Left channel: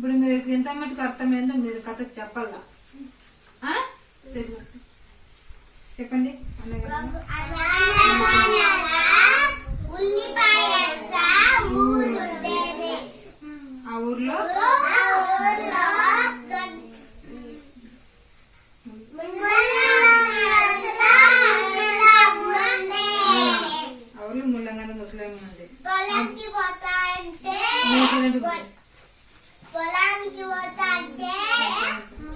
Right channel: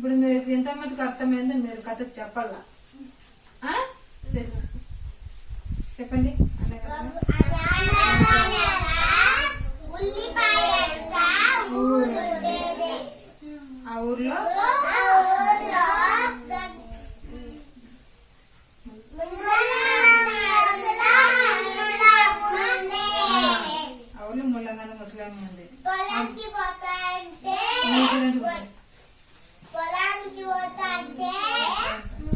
ఇప్పుడు మీకు ఎంత మటుకు అర్థమైందో మీరు కథకు చెప్పాలా? చెప్పండి. ఆ ఊర్లో ముల్లంగాని ముసలాం ఉంది. పొలానికి పోతా అంటే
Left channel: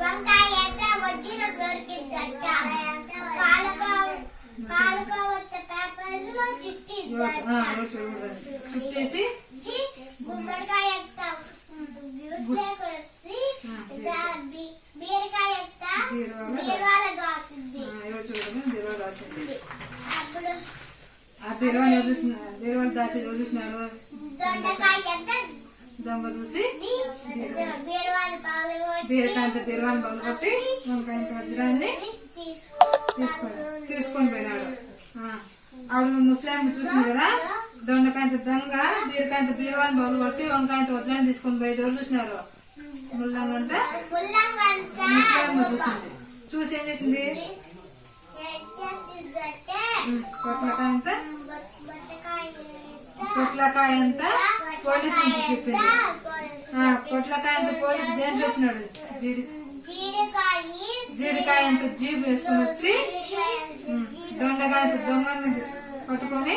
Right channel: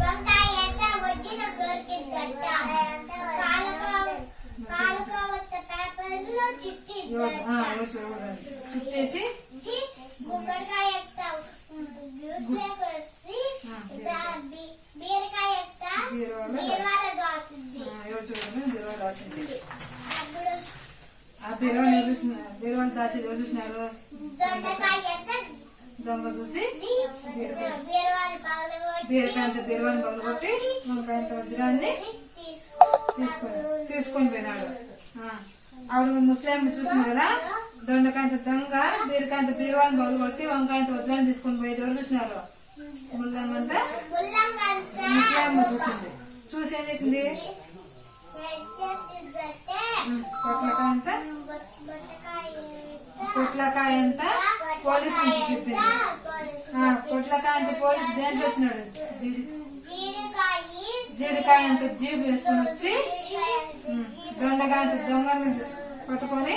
వంకాయ ఎంత వచ్చిన దొరికిందట. పేపర్లో చుట్టేసి గుమ్మడికాయ బీరకాయ బీరువాలో దాచింది. ఆ బీరువాలో దాచి చూసినారు. దొంగ చూసి బీరకాయంత బీరువాని పగలగొట్టి వంకాయంత వజ్రాన్ని తీసుకొని పోయినాడు. ఆవిడ ముస్లిం చూసింది కదా, దొండకాయంత దొంగ బీరకాయంత బీరువాని పగలగొట్టి వంకాయంత వజ్రాన్ని తీసుకొని పోయేది ఎవరు చూసినారు? ముల్లంగంత ముస్లిం చూసింది. చూసి ఏం చేసింది? పొట్లకాయ అంతా పోలీసు చెప్పింది. పొట్లకాయ అంత పోలీసు దేంట్లో వచ్చినాడు? జీడికాయ అంత జీబు వేసుకుని వచ్చి దొండకాయ అంత దొంగని పట్టుకొని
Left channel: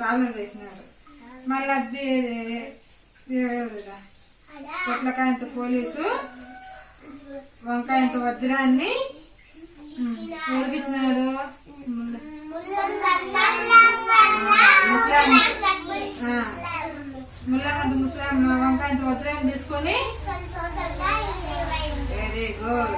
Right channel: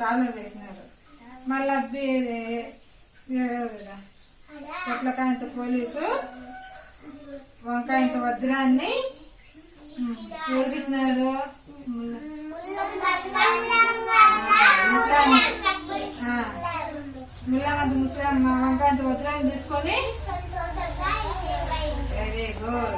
తాళం వేసినారు. మళ్ళా పొట్లకాయంత పోలీసు వంకాయంత వజ్రాన్ని ఊరికిచ్చినాడు. ముల్లంగంత ముస్లిం వంకాయంత వజ్రాన్ని తీసుకొని వెరీ గుడ్.